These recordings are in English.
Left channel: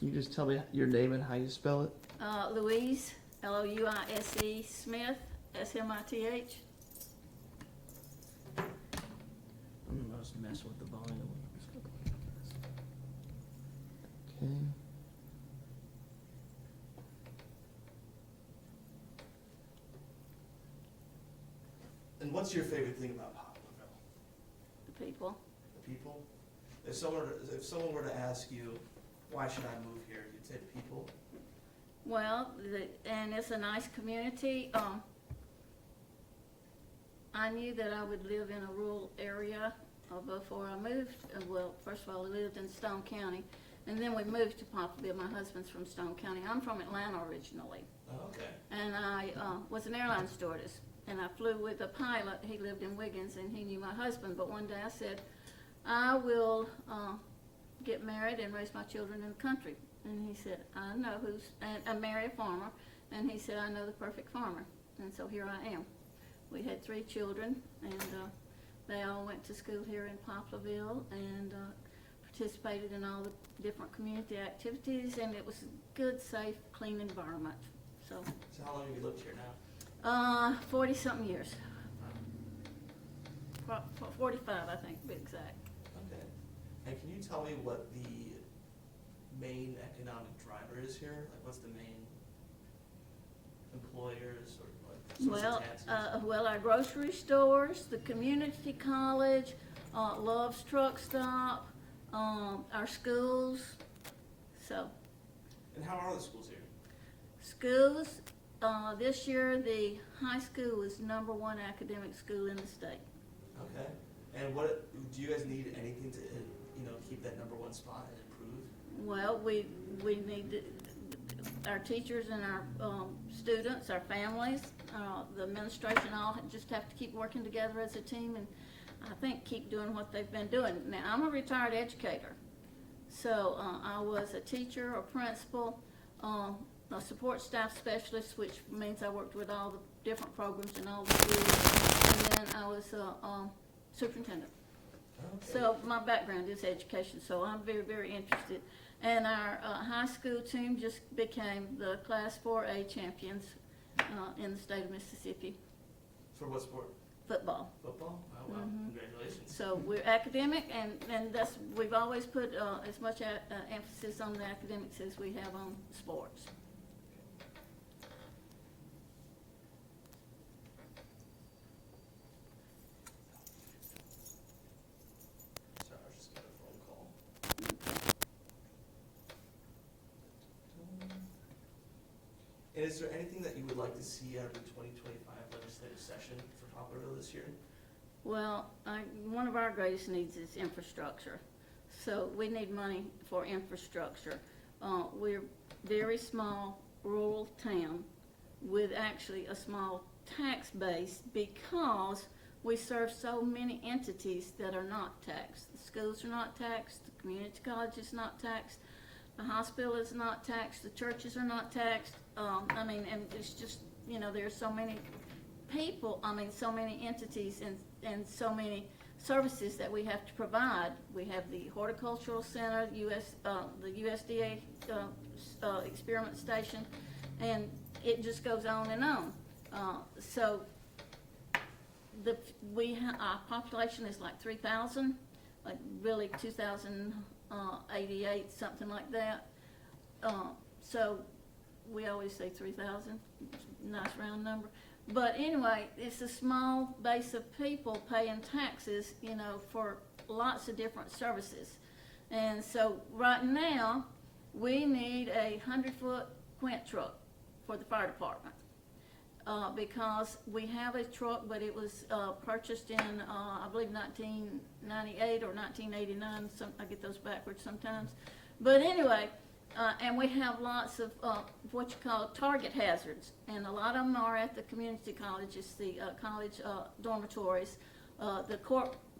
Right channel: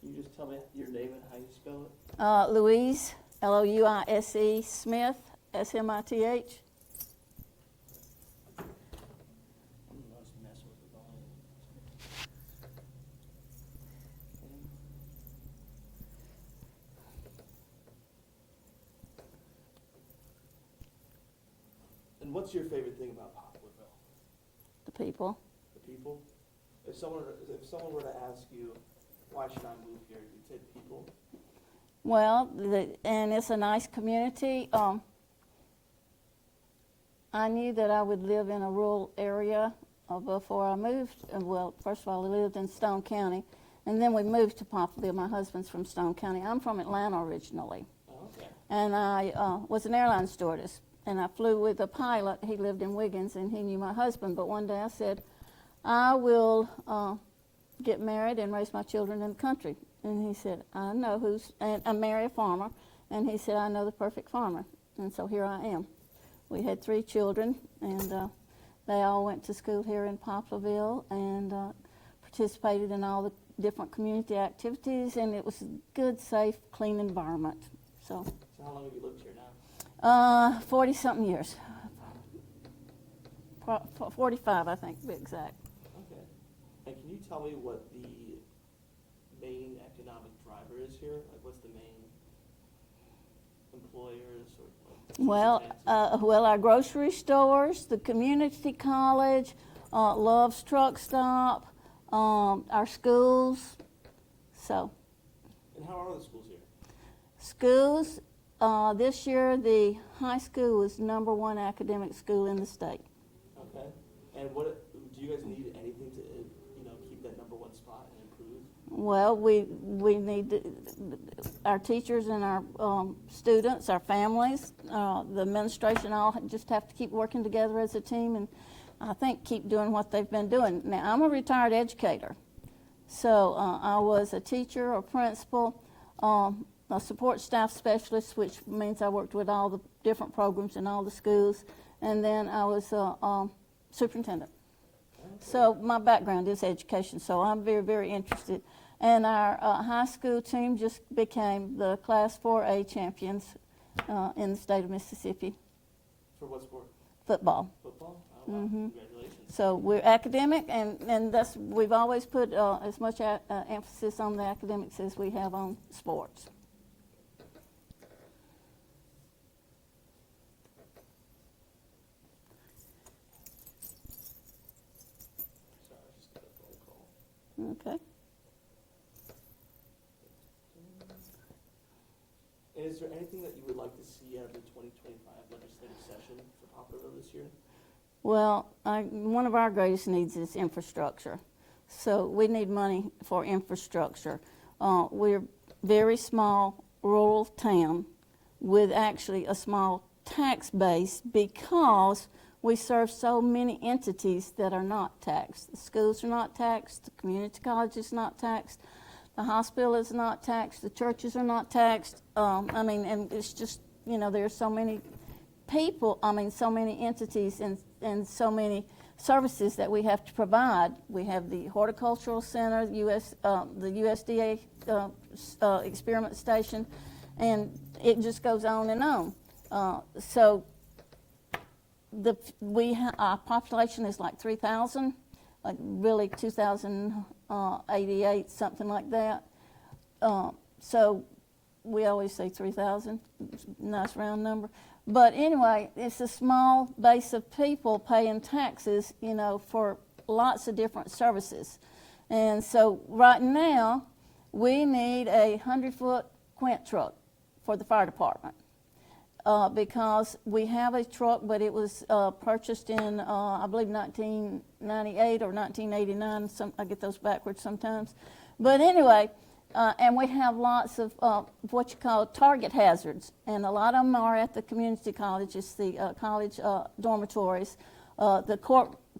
Can you just tell me your name and how you spell it? Louise, Louise Smith, Smith. I'm just messing with the volume. Okay. And what's your favorite thing about Poplarville? The people. The people? If someone were to ask you, why should I move here, you'd say the people? Well, and it's a nice community. I knew that I would live in a rural area before I moved. Well, first of all, I lived in Stone County, and then we moved to Poplarville. My husband's from Stone County. I'm from Atlanta originally. Oh, okay. And I was an airline stewardess, and I flew with a pilot. He lived in Wiggins, and he knew my husband. But one day I said, I will get married and raise my children in the country. And he said, I know and marry a farmer. And he said, I know the perfect farmer. And so here I am. We had 3 children, and they all went to school here in Poplarville and participated in all the different community activities, and it was a good, safe, clean environment. So how long have you lived here now? 40-something years. 45, I think, to be exact. Okay. And can you tell me what the main economic driver is here? Like, what's the main employers or Well, our grocery stores, the community college, Love's Truck Stop, our schools. So. And how are the schools here? Schools, this year the high school was #1 academic school in the state. Okay. And what do you guys need anything to keep that #1 spot and improve? Well, we need our teachers and our students, our families, the administration all just have to keep working together as a team, and I think keep doing what they've been doing. Now, I'm a retired educator, so I was a teacher, a principal, a support staff specialist, which means I worked with all the different programs in all the schools, and then I was a superintendent. Okay. So my background is education, so I'm very, very interested. And our high school team just became the Class 4A champions in the state of Mississippi. For what sport? Football. Football? Oh, wow. Mm-hmm. Congratulations. So we're academic, and we've always put as much emphasis on the academics as we have on sports. Sorry, I just got a phone call. Okay. And is there anything that you would like to see out of the 2025 legislative session for Poplarville this year? Well, one of our greatest needs is infrastructure. So we need money for infrastructure. We're very small rural town with actually a small tax base because we serve so many entities that are not taxed. The schools are not taxed, the community college is not taxed, the hospital is not taxed, the churches are not taxed. And it's just, there's so many people, so many entities and so many services that we have to provide. We have the horticultural center, the USDA experiment station, and it just goes on and on. So our population is like 3,000, like really 2,088, something like that. So we always say 3,000, nice round number. But anyway, it's a small base of people paying taxes, for lots of different services. And so right now, we need a 100-foot quint truck for the fire department. Because we have a truck, but it was purchased in, I believe, 1998 or 1989. I get those backwards sometimes. But anyway, and we have lots of what you call target hazards, and a lot of them are at the community colleges, the college dormitories, the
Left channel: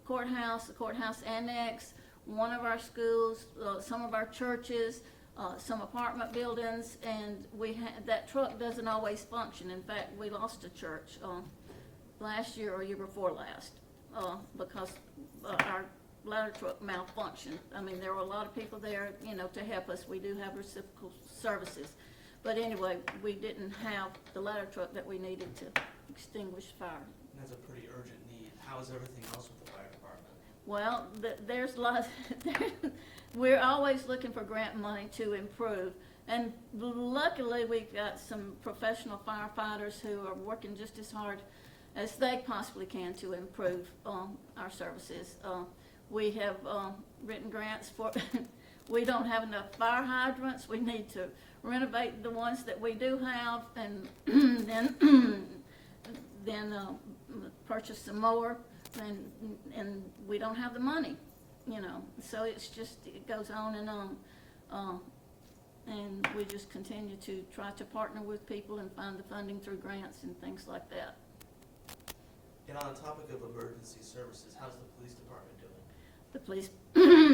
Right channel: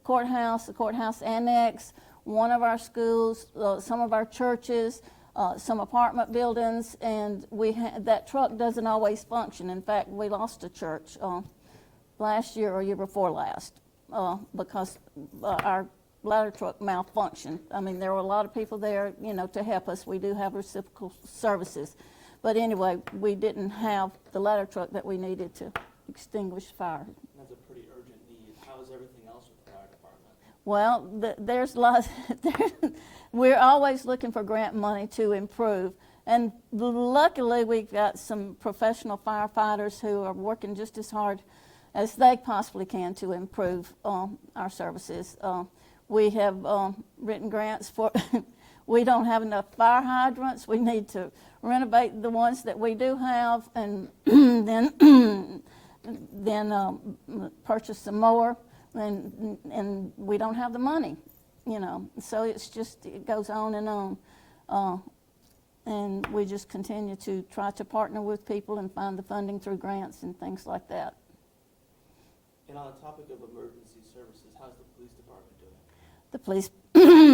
courthouse, the courthouse annex, one of our schools, some of our churches, some apartment buildings, and that truck doesn't always function. In fact, we lost a church last year or year before last because our ladder truck malfunctioned. I mean, there were a lot of people there, to help us. We do have reciprocal services. But anyway, we didn't have the ladder truck that we needed to extinguish fire. That's a pretty urgent need. How is everything else with the fire department? Well, there's lots. We're always looking for grant money to improve. And luckily, we've got some professional firefighters who are working just as hard as they possibly can to improve our services. We have written grants for, we don't have enough fire hydrants. We need to renovate the ones that we do have, and then purchase some more, and we don't have the money, So it's just, it goes on and on. And we just continue to try to partner with people and find the funding through grants and things like that. And on the topic of emergency services, how's the police department doing?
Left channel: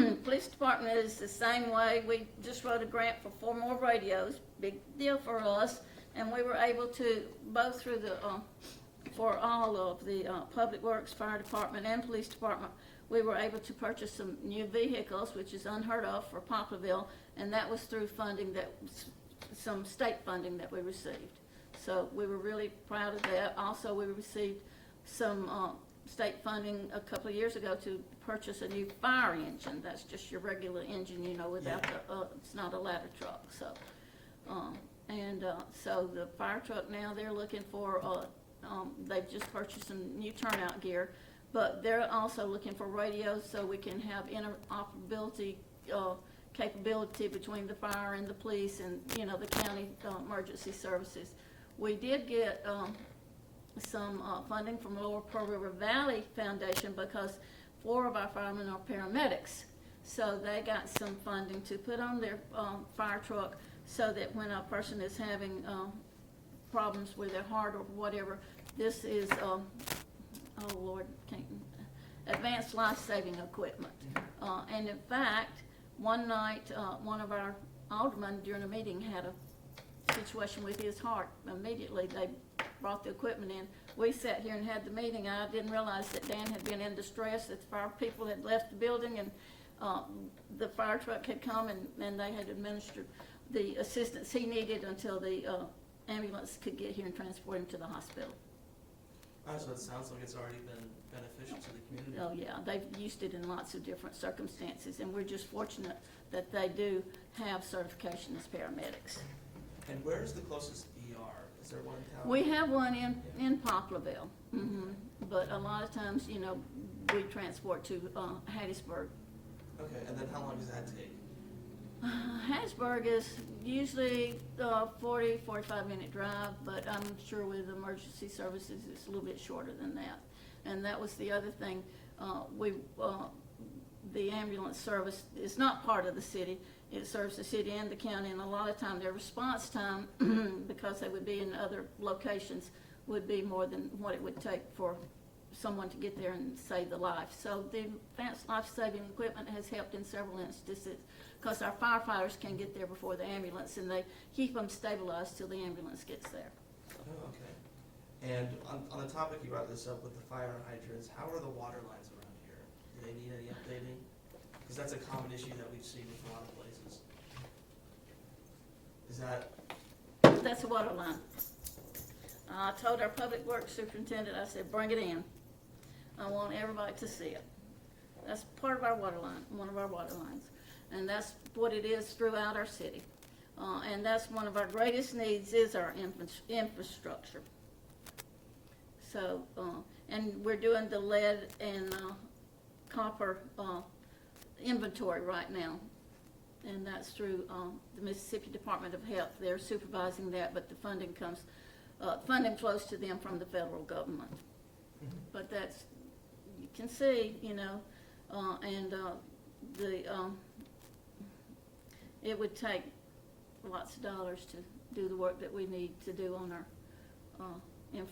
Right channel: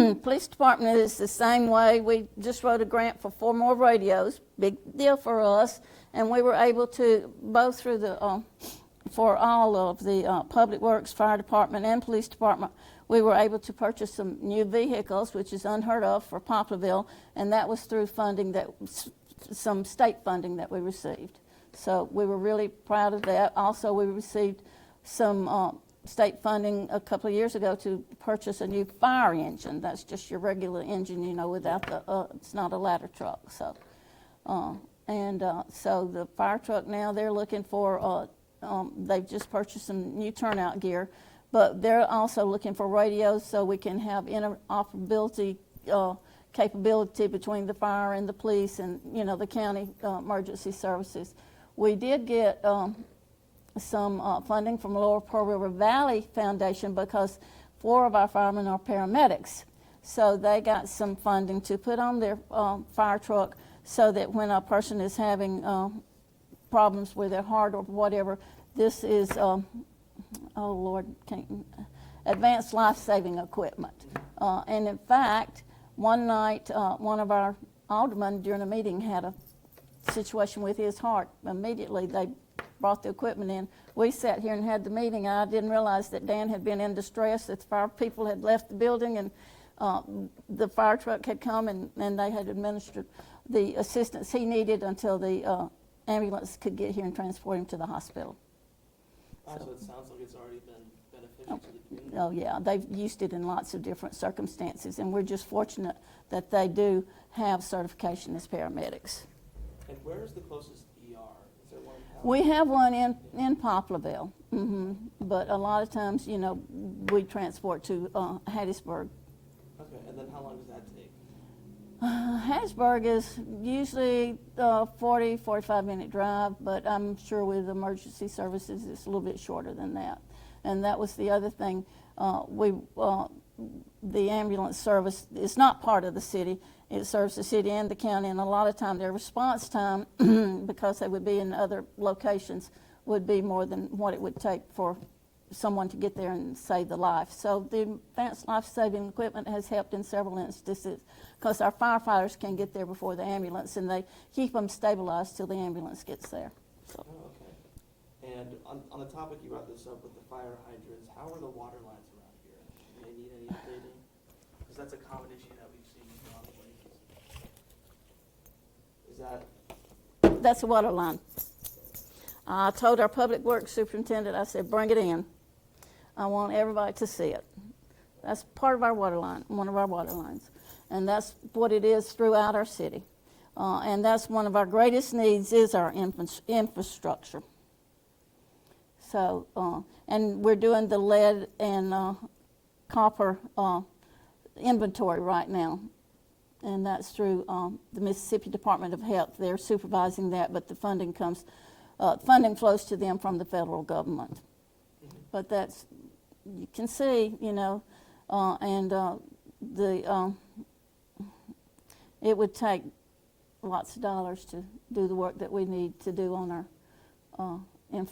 The police department is the same way. We just wrote a grant for 4 more radios, big deal for us, and we were able to, both through the, for all of the public works, fire department, and police department, we were able to purchase some new vehicles, which is unheard of for Poplarville, and that was through funding some state funding that we received. So we were really proud of that. Also, we received some state funding a couple of years ago to purchase a new fire engine. That's just your regular engine, without the, it's not a ladder truck. So, so the fire truck now, they're looking for, they've just purchased some new turnout gear, but they're also looking for radios so we can have interoperability capability between the fire and the police and, the county emergency services. We did get some funding from Lower Pearl River Valley Foundation because 4 of our firemen are paramedics. So they got some funding to put on their fire truck so that when a person is having problems with their heart or whatever, this is, oh Lord, advanced life-saving equipment. And in fact, one night, one of our aldermen during a meeting had a situation with his heart. Immediately they brought the equipment in. We sat here and had the meeting. I didn't realize that Dan had been in distress, that the fire people had left the building, and the fire truck had come and they had administered the assistance he needed until the ambulance could get here and transport him to the hospital. So it sounds like it's already been beneficial to the community. Oh yeah, they've used it in lots of different circumstances, and we're just fortunate that they do have certification as paramedics. And where's the closest ER? Is there one in town? We have one in Poplarville, but a lot of times, we transport to Hattiesburg. Okay, and then how long does that take? Hattiesburg is usually 40-45 minute drive, but I'm sure with emergency services it's a little bit shorter than that. And that was the other thing. The ambulance service is not part of the city. It serves the city and the county, and a lot of time their response time, because they would be in other locations, would be more than what it would take for someone to get there and save the life. So the advanced life-saving equipment has helped in several instances because our firefighters can get there before the ambulance, and they keep them stabilized till the ambulance gets there. So. Oh, okay. And on the topic, you brought this up with the fire hydrants, how are the water lines around here? Do they need any updating? Because that's a common issue that we've seen in a lot of places. Is that? That's a water line. I told our public works superintendent, I said, bring it in. I want everybody to see it. That's part of our water line, one of our water lines. And that's what it is throughout our city. And that's one of our greatest needs is our infrastructure. So, and we're doing the lead and copper inventory right now. And that's through the Mississippi Department of Health. They're supervising that, but the funding comes, funding flows to them from the federal government. Mm-hmm. But that's, you can see, it would take lots of dollars to do the work that we need to do on our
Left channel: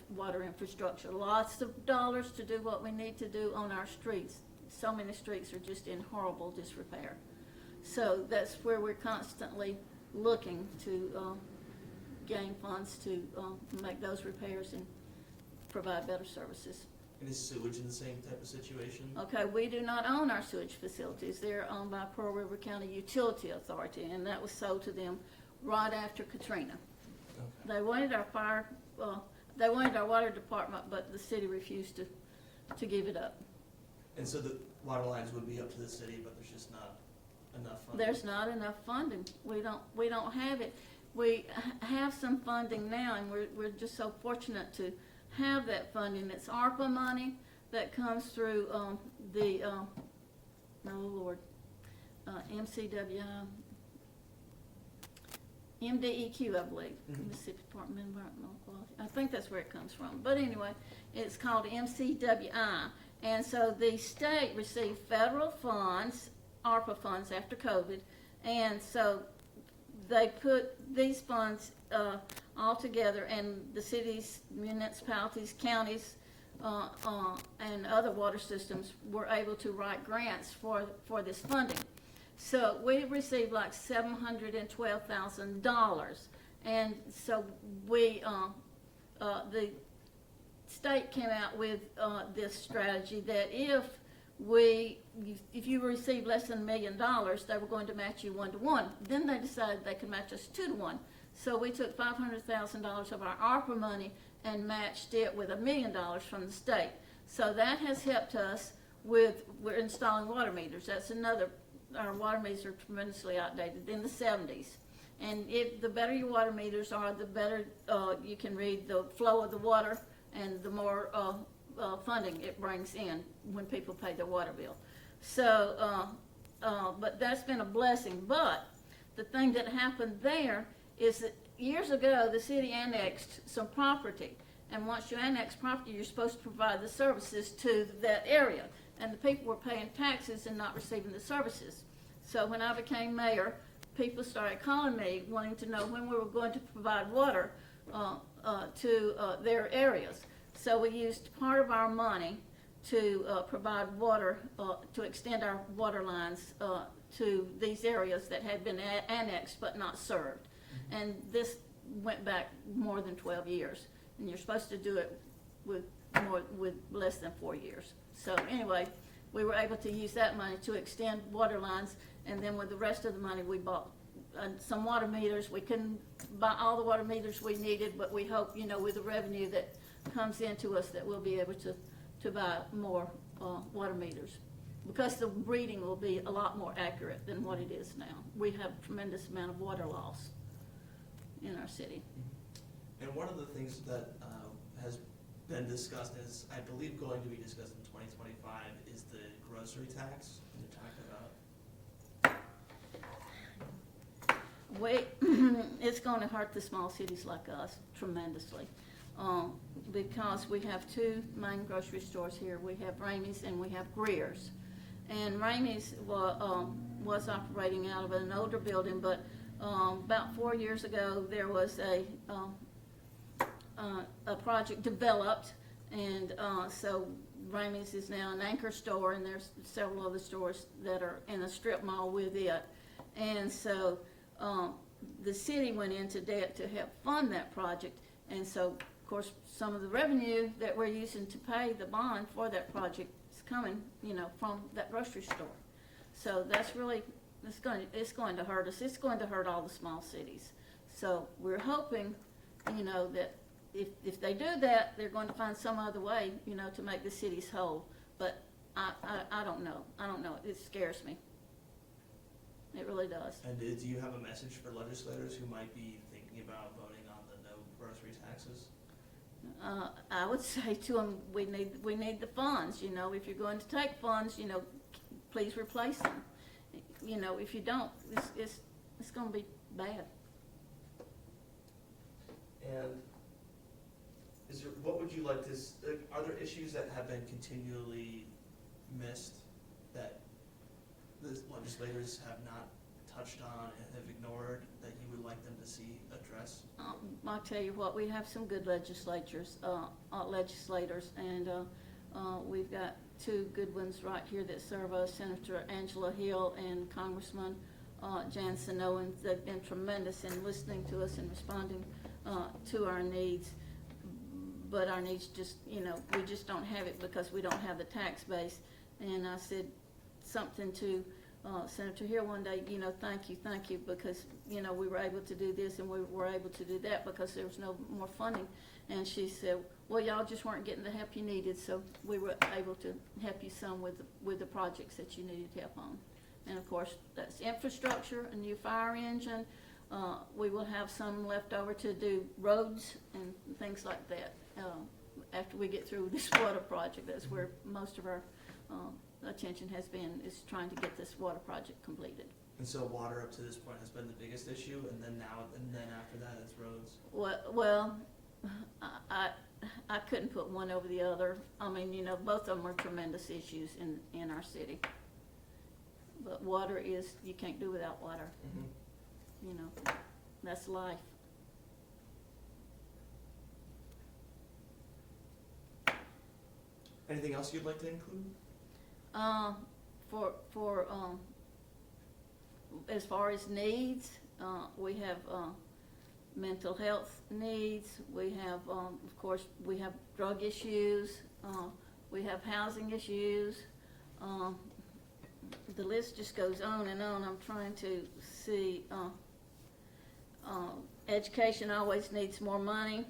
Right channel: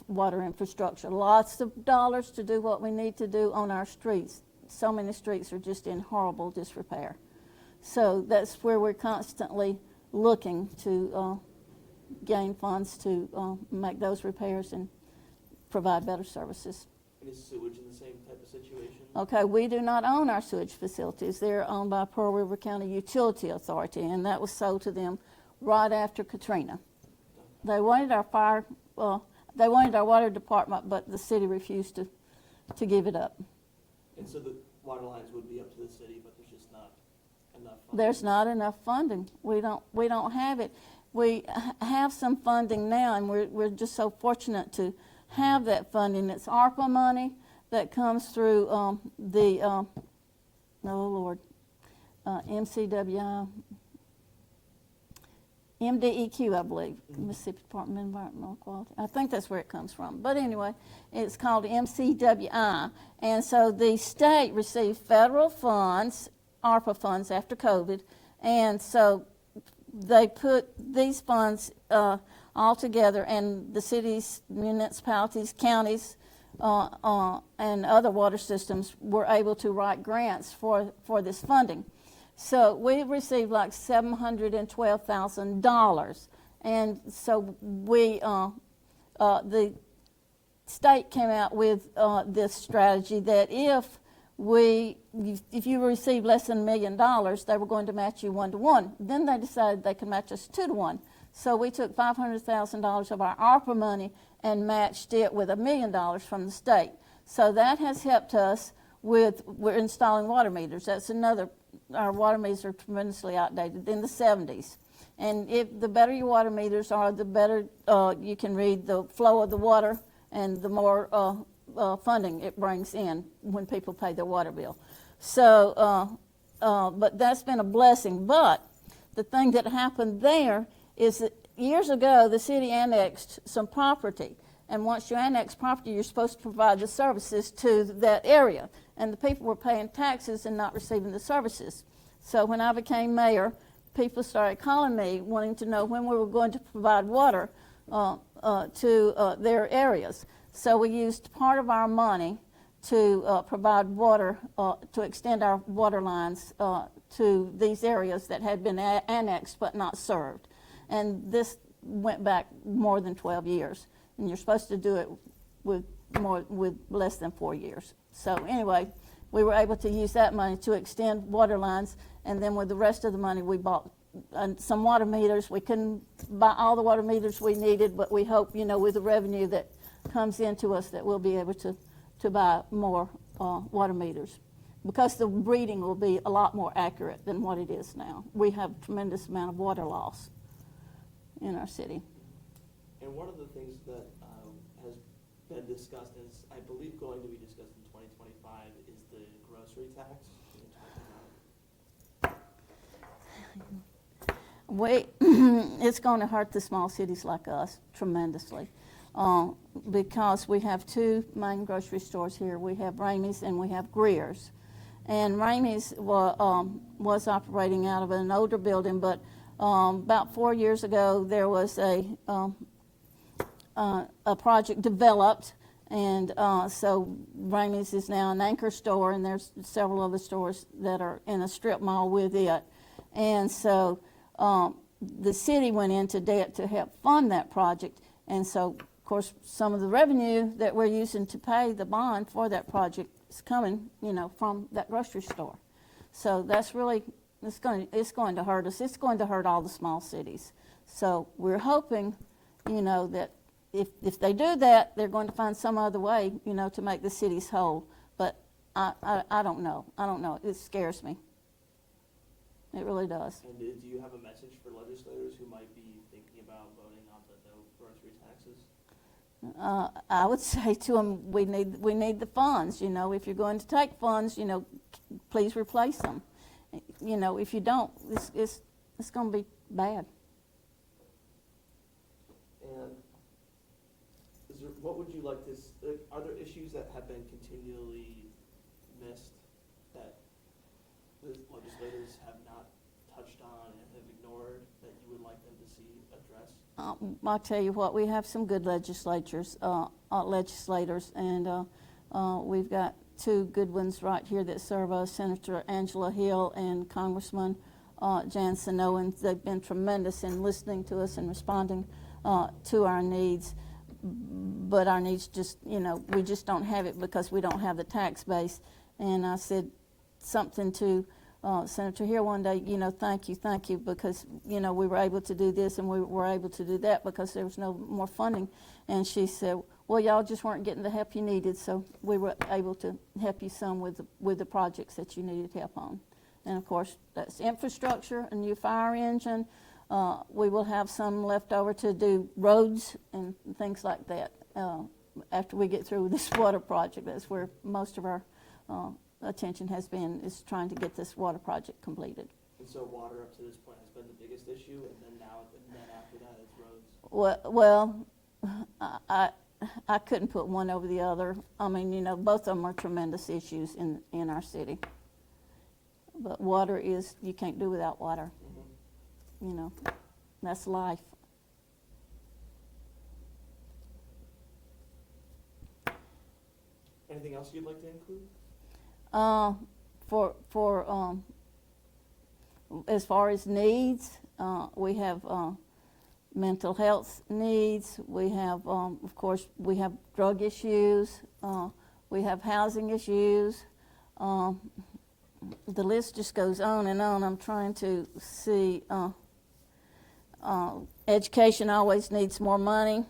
water infrastructure. Lots of dollars to do what we need to do on our streets. So many streets are just in horrible disrepair. So that's where we're constantly looking to gain funds to make those repairs and provide better services And is sewage in the same type of situation? Okay, we do not own our sewage facilities. They're owned by Pearl River County Utility Authority, and that was sold to them right after Katrina. Okay. They wanted they wanted our water department, but the city refused to give it up. And so the water lines would be up to the city, but there's just not enough funding? There's not enough funding. We don't have it. We have some funding now, and we're just so fortunate to have that funding. It's ARPA money that comes through MCWI, MDEQ, I believe, Mississippi Department of Environmental Quality. I think that's where it comes from. But anyway, it's called MCWI. And so the state received federal funds, ARPA funds after COVID, and so they put these funds all together, and the cities, municipalities, counties, and other water systems were able to write grants for this funding. So we received like $712,000, and so the state came out with this strategy that if you receive less than $1 million, they were going to match you 1-to-1. Then they decided they could match us 2-to-1. So we took $500,000 of our ARPA money and matched it with $1 million from the state. So that has helped us we're installing water meters. That's another, our water meters are tremendously outdated in the 70s. And the better your water meters are, the better you can read the flow of the water and the more funding it brings in when people pay their water bill. So, but that's been a blessing. But the thing that happened there is that years ago the city annexed some property, and once you annex property, you're supposed to provide the services to that area, and the people were paying taxes and not receiving the services. So when I became mayor, people started calling me wanting to know when we were going to provide water to their areas. So we used part of our money to provide water, to extend our water lines to these areas that had been annexed but not served. And this went back more than 12 years. And you're supposed to do it with less than 4 years. So anyway, we were able to use that money to extend water lines, and then with the rest of the money we bought some water meters. We couldn't buy all the water meters we needed, but we hope, with the revenue that comes into us, that we'll be able to buy more water meters, because the reading will be a lot more accurate than what it is now. We have a tremendous amount of water loss in our city. And one of the things that has been discussed, and is, I believe, going to be discussed in 2025, is the grocery tax. Can you talk about? It's going to hurt the small cities like us tremendously, because we have two main grocery stores here. We have Ramey's and we have Greer's. And Ramey's was operating out of an older building, but about 4 years ago there was a project developed, and so Ramey's is now an anchor store, and there's several other stores that are in a strip mall with it. And so the city went into debt to help fund that project, and so of course some of the revenue that we're using to pay the bond for that project is coming, from that grocery store. So that's really, it's going to hurt us. It's going to hurt all the small cities. So we're hoping, that if they do that, they're going to find some other way, to make the cities whole. But I don't know. It scares me. It really does. And do you have a message for legislators who might be thinking about voting on the no grocery taxes? I would say to them, we need the funds. If you're going to take funds, please replace them. If you don't, it's going to be bad. And what would you like to? Are there issues that have been continually missed that the legislators have not touched on and have ignored that you would like them to see addressed? I'll tell you what, we have some good legislators, and we've got two good ones right here that serve us, Senator Angela Hill and Congressman Jan Snow, and they've been tremendous in listening to us and responding to our needs. but our needs just, we just don't have it because we don't have the tax base. And I said something to Senator Hill one day, thank you, because, we were able to do this and we were able to do that because there was no more funding. And she said, well, y'all just weren't getting the help you needed, so we were able to help you some with the projects that you needed help on. And of course, that's infrastructure, a new fire engine. We will have some left over to do roads and things like that after we get through this water project. That's where most of our attention has been, is trying to get this water project completed. And so water up to this point has been the biggest issue, and then after that it's roads? Well, I couldn't put one over the other. I mean, both of them are tremendous issues in our city. But water is, you can't do without water. Mm-hmm. That's life. Anything else you'd like to include? For as far as needs, we have mental health needs. We have, of course, we have drug issues. We have housing issues. The list just goes on and on. I'm trying to see. Education always needs more money.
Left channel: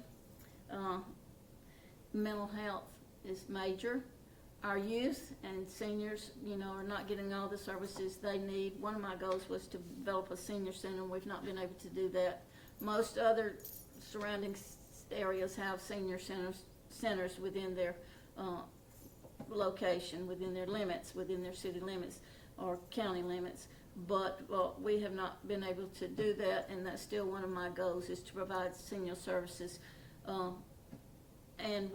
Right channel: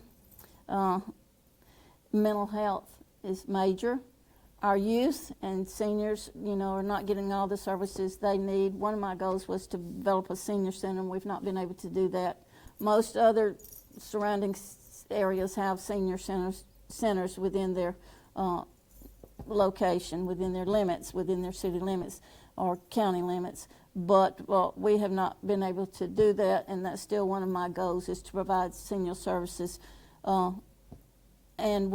Mental health is major. Our youth and seniors, are not getting all the services they need. One of my goals was to develop a senior center, and we've not been able to do that. Most other surrounding areas have senior centers within their location, within their limits, within their city limits or county limits. But we have not been able to do that, and that's still one of my goals, is to provide senior services. And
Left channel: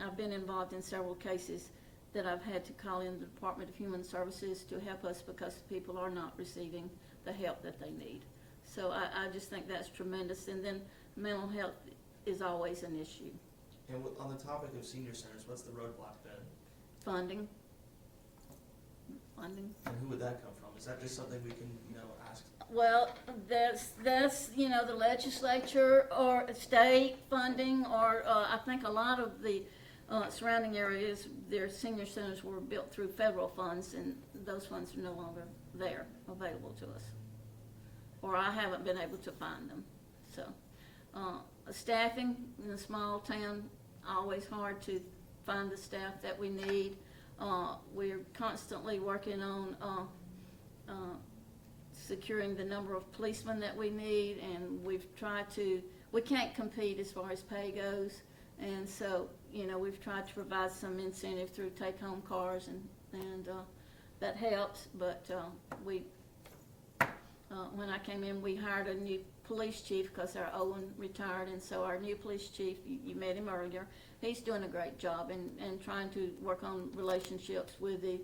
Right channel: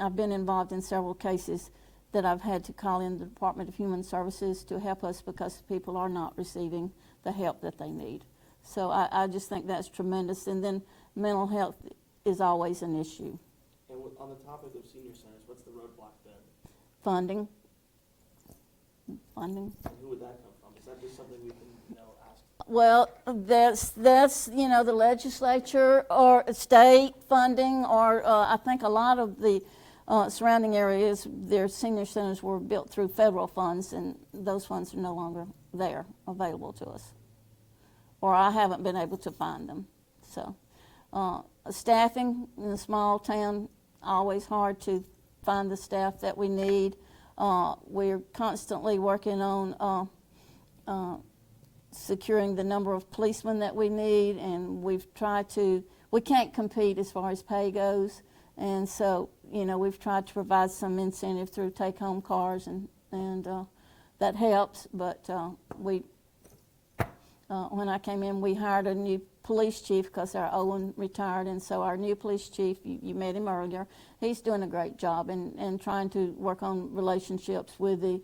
I've been involved in several cases that I've had to call in the Department of Human Services to help us because people are not receiving the help that they need. So I just think that's tremendous. And then mental health is always an issue. And on the topic of senior centers, what's the roadblock been? Funding. And who would that come from? Is that just something we can, ask? Well, that's the legislature or state funding, or I think a lot of the surrounding areas, their senior centers were built through federal funds, and those funds are no longer there available to us, or I haven't been able to find them. So staffing in a small town, always hard to find the staff that we need. We're constantly working on securing the number of policemen that we need, and we can't compete as far as pay goes, and so, we've tried to provide some incentive through take-home cars, and that helps, but when I came in, we hired a new police chief because our old one retired, and so our new police chief, you met him earlier, he's doing a great job and trying to work on relationships with the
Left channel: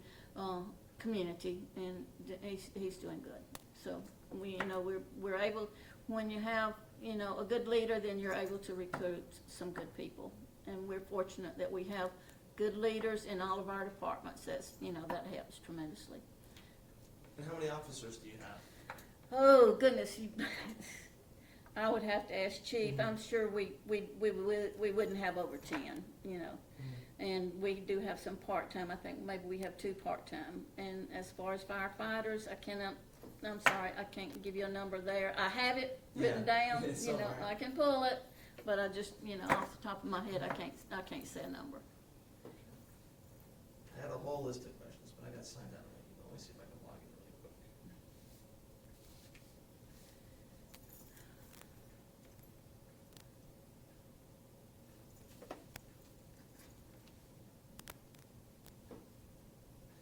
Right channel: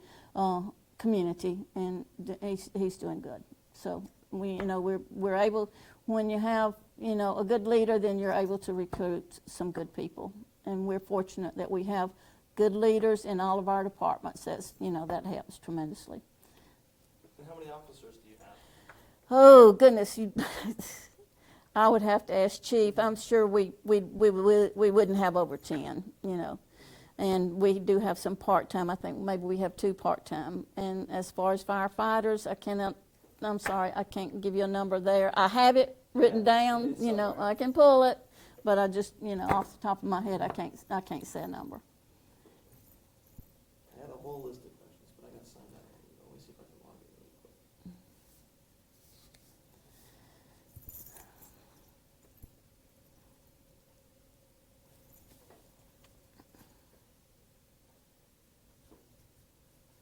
community, and he's doing good. So we're able, when you have a good leader, then you're able to recruit some good people, and we're fortunate that we have good leaders in all of our departments. That helps tremendously. And how many officers do you have? Oh goodness, I would have to ask Chief. I'm sure we wouldn't have over 10, and we do have some part-time. I think maybe we have 2 part-time. And as far as firefighters, I'm sorry, I can't give you a number there. I have it written down, I can pull it, but I just, off the top of my head, I can't say a number. I had a whole list of questions, but I got signed out. Let me see if I can block it really quick.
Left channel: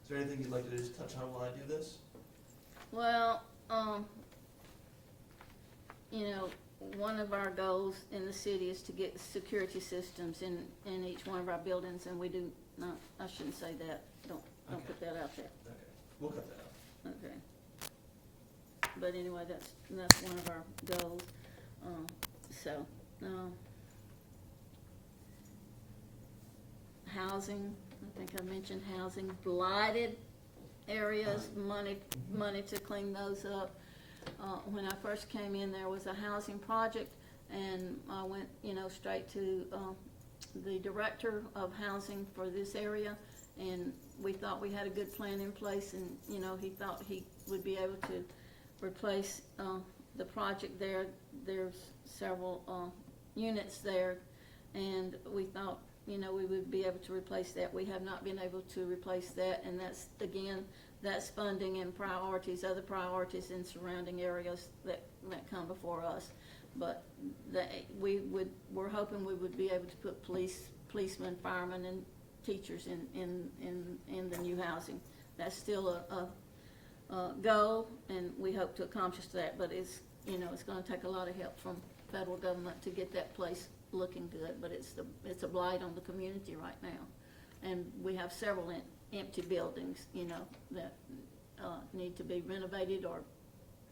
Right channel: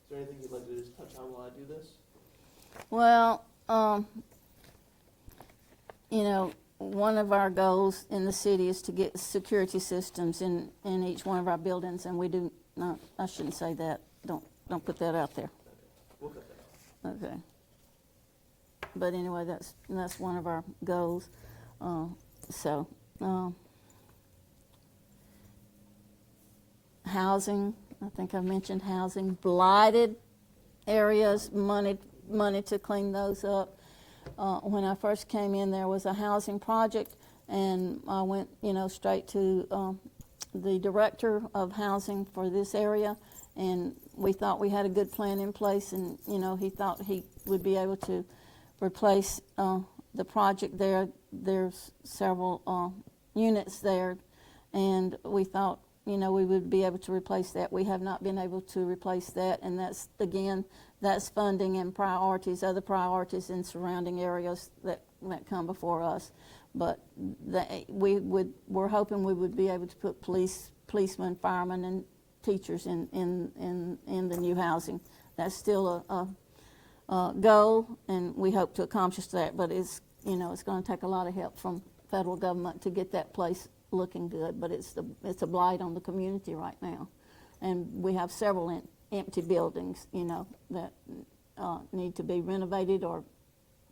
Is there anything you'd like to just touch on while I do this? Well, one of our goals in the city is to get security systems in each one of our buildings, and we do not. I shouldn't say that. Don't put that out there. Okay, we'll cut that out. Okay. But anyway, that's one of our goals. Housing. I think I mentioned housing. Blighted areas, money to clean those up. When I first came in, there was a housing project and I went, straight to the director of housing for this area, and we thought we had a good plan in place, and, he thought he would be able to replace the project there. There's several units there, and we thought, we would be able to replace that. We have not been able to replace that, and that's funding and other priorities in surrounding areas that come before us. But we're hoping we would be able to put policemen, firemen, and teachers in the new housing. That's still a goal, and we hope to accomplish that. But it's going to take a lot of help from federal government to get that place looking good. But it's a blight on the community right now, and we have several empty buildings, that need to be renovated or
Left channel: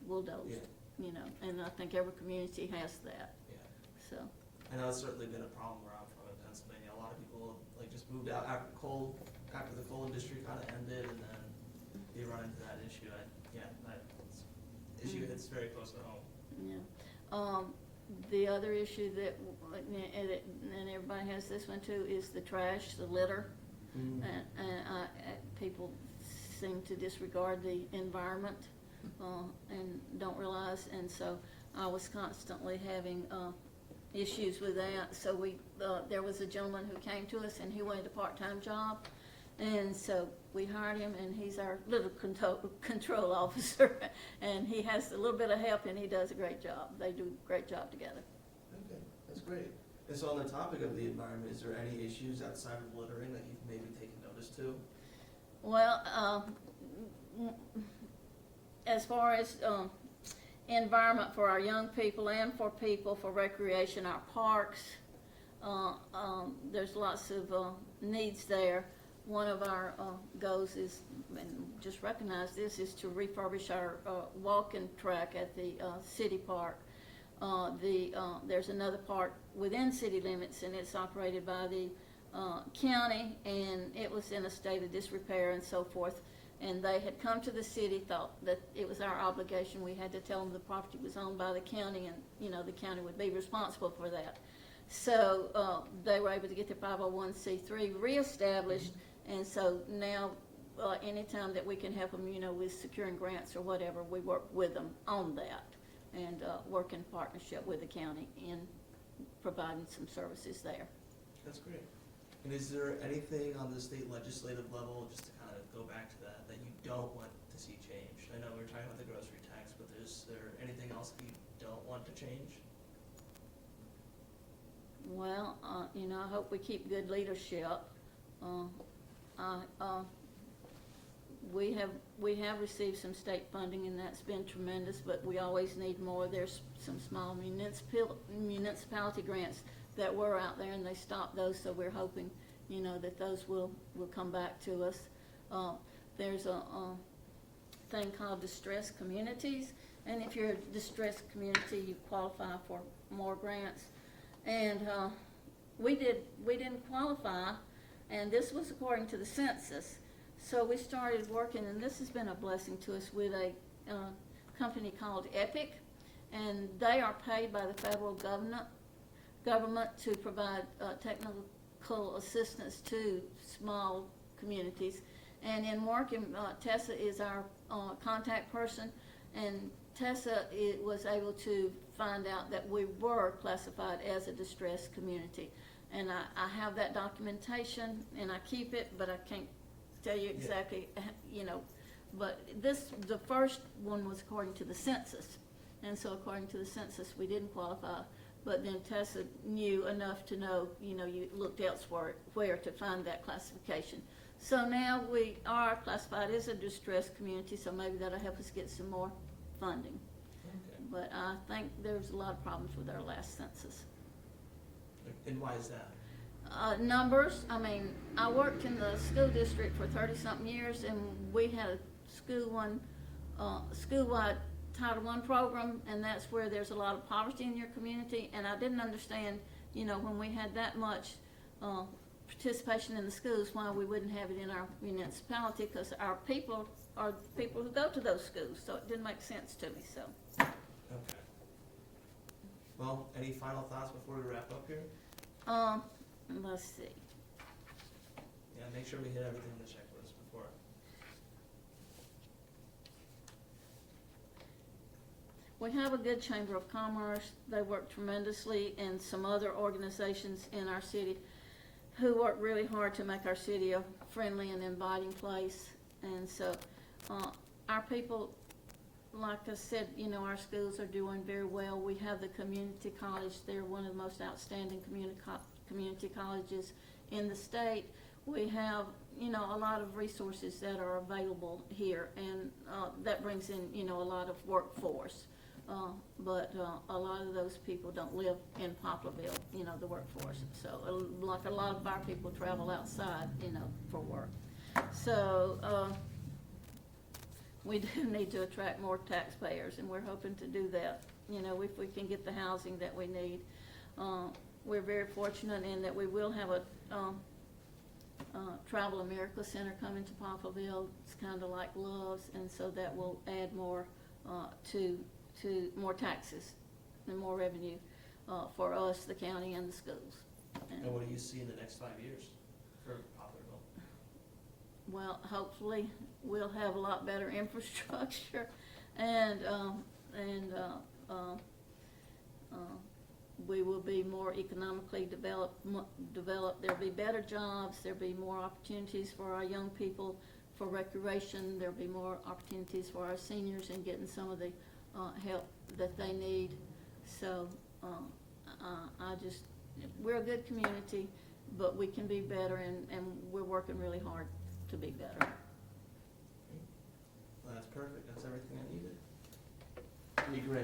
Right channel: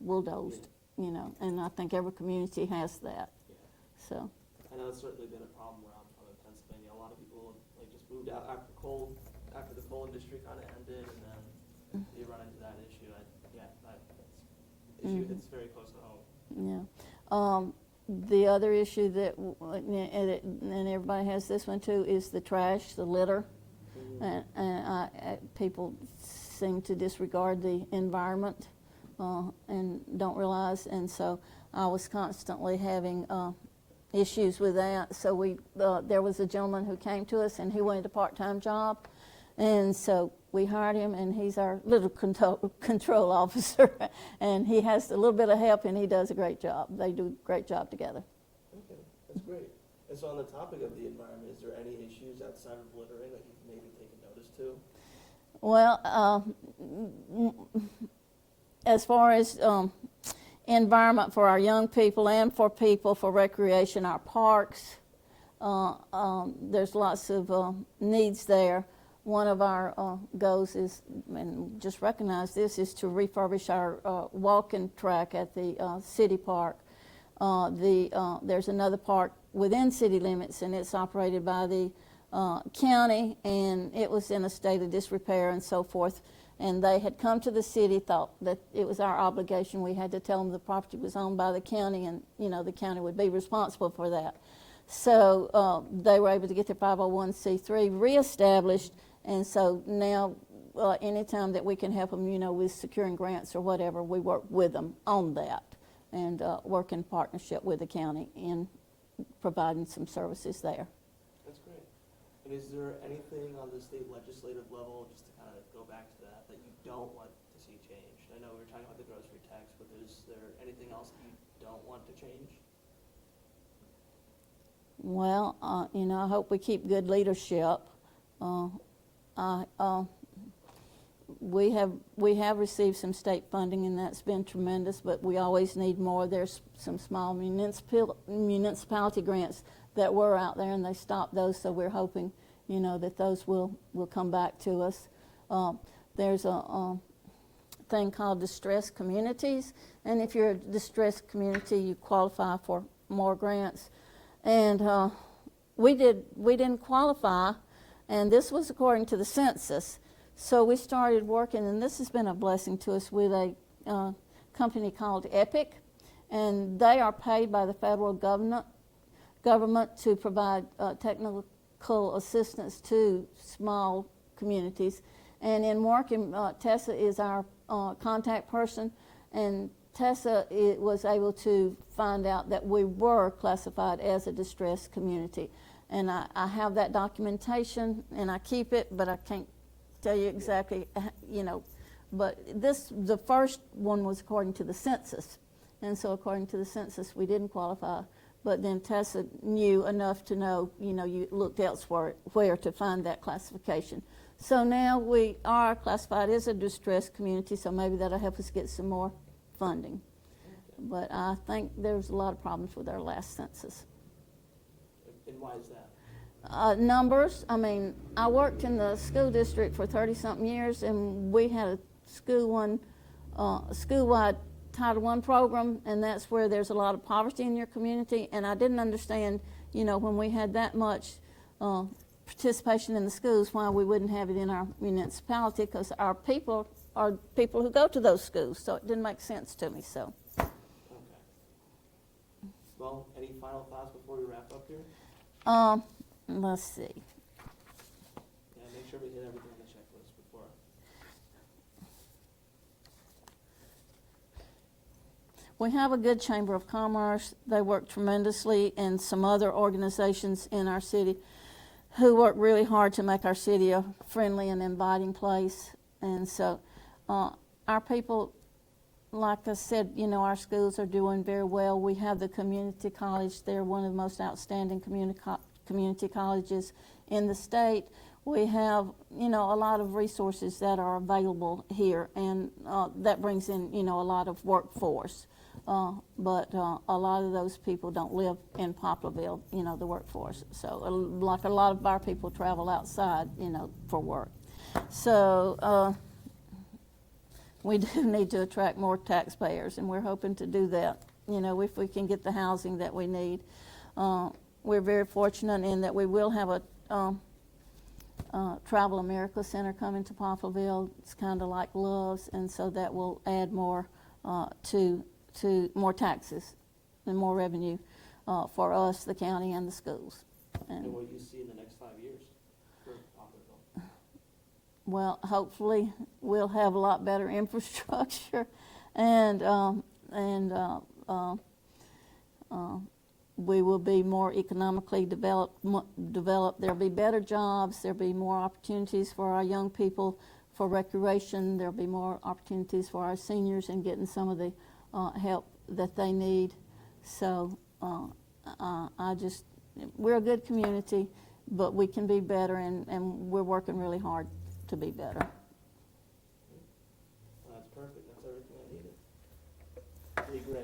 bulldozed. And I think every community has that. Yeah. So. I know it's certainly been a problem where I'm from in Pennsylvania. A lot of people just moved out after the coal industry kind of ended, and then you run into that issue. It's very close to home. Yeah. The other issue that, and everybody has this one too, is the trash, the litter, and people seem to disregard the environment. And don't realize, and so I was constantly having issues with that. So there was a gentleman who came to us, and he wanted a part-time job, and so we hired him, and he's our little control officer, and he has a little bit of help, and he does a great job. They do a great job together. Okay, that's great. And so on the topic of the environment, is there any issues outside of littering that you've maybe taken notice to? Well, as far as environment for our young people and for people for recreation, our parks, there's lots of needs there. One of our goals is, and just recognize this, is to refurbish our walking track at the city park. There's another park within city limits, and it's operated by the county, and it was in a state of disrepair and so forth. And they had come to the city, thought that it was our obligation. We had to tell them the property was owned by the county, and the county would be responsible for that. So they were able to get their 501c3 reestablished, and so now anytime that we can help them, with securing grants or whatever, we work with them on that, and work in partnership with the county in providing some services there. That's great. And is there anything on the state legislative level, just to kind of go back to that you don't want to see changed? I know we were talking about the grocery tax, but is there anything else that you don't want to change? Well, I hope we keep good leadership. We have received some state funding, and that's been tremendous, but we always need more. There's some small municipality grants that were out there, and they stopped those, so we're hoping, that those will come back to us. There's a thing called distressed communities, and if you're a distressed community, you qualify for more grants. And we didn't qualify, and this was according to the census. So we started working, and this has been a blessing to us, with a company called Epic, and they are paid by the federal government to provide technical assistance to small communities. And in working, Tessa is our contact person, and Tessa was able to find out that we were classified as a distressed community. And I have that documentation, and I keep it, but I can't tell you exactly, But the first one was according to the census. And so according to the census, we didn't qualify. But then Tessa knew enough to know, you looked elsewhere where to find that classification. So now we are classified as a distressed community, so maybe that'll help us get some more funding. Okay. But I think there's a lot of problems with our last census. And why is that? Numbers. I worked in the school district for 30-something years, and we had a school-wide Title I program, and that's where there's a lot of poverty in your community. And I didn't understand, when we had that much participation in the schools, why we wouldn't have it in our municipality, because our people are people who go to those schools, so it didn't make sense to me. So. Okay. Well, any final thoughts before we wrap up here? Let's see. Yeah, make sure we hit everything on the checklist before. We have a good Chamber of Commerce. They work tremendously, and some other organizations in our city who work really hard to make our city a friendly and inviting place. And so our people, like I said, you know, our schools are doing very well. We have the community college. They're one of the most outstanding community colleges in the state. We have, you know, a lot of resources that are available here, and that brings in, you know, a lot of workforce. But a lot of those people don't live in Poplarville, you know, the workforce. So like a lot of our people travel outside, you know, for work. So we do need to attract more taxpayers, and we're hoping to do that, you know, if we can get the housing that we need. We're very fortunate in that we will have a Travel America Center coming to Poplarville. It's kind of like Love's, and so that will add more to more taxes and more revenue for us, the county, and the schools. And what do you see in the next 5 years for Poplarville? Well, hopefully we'll have a lot better infrastructure, and we will be more economically developed. There'll be better jobs. There'll be more opportunities for our young people for recreation. There'll be more opportunities for our seniors in getting some of the help that they need. So we're a good community, but we can be better, and we're working really hard to be better. Well, that's perfect. That's everything I needed. Pretty great.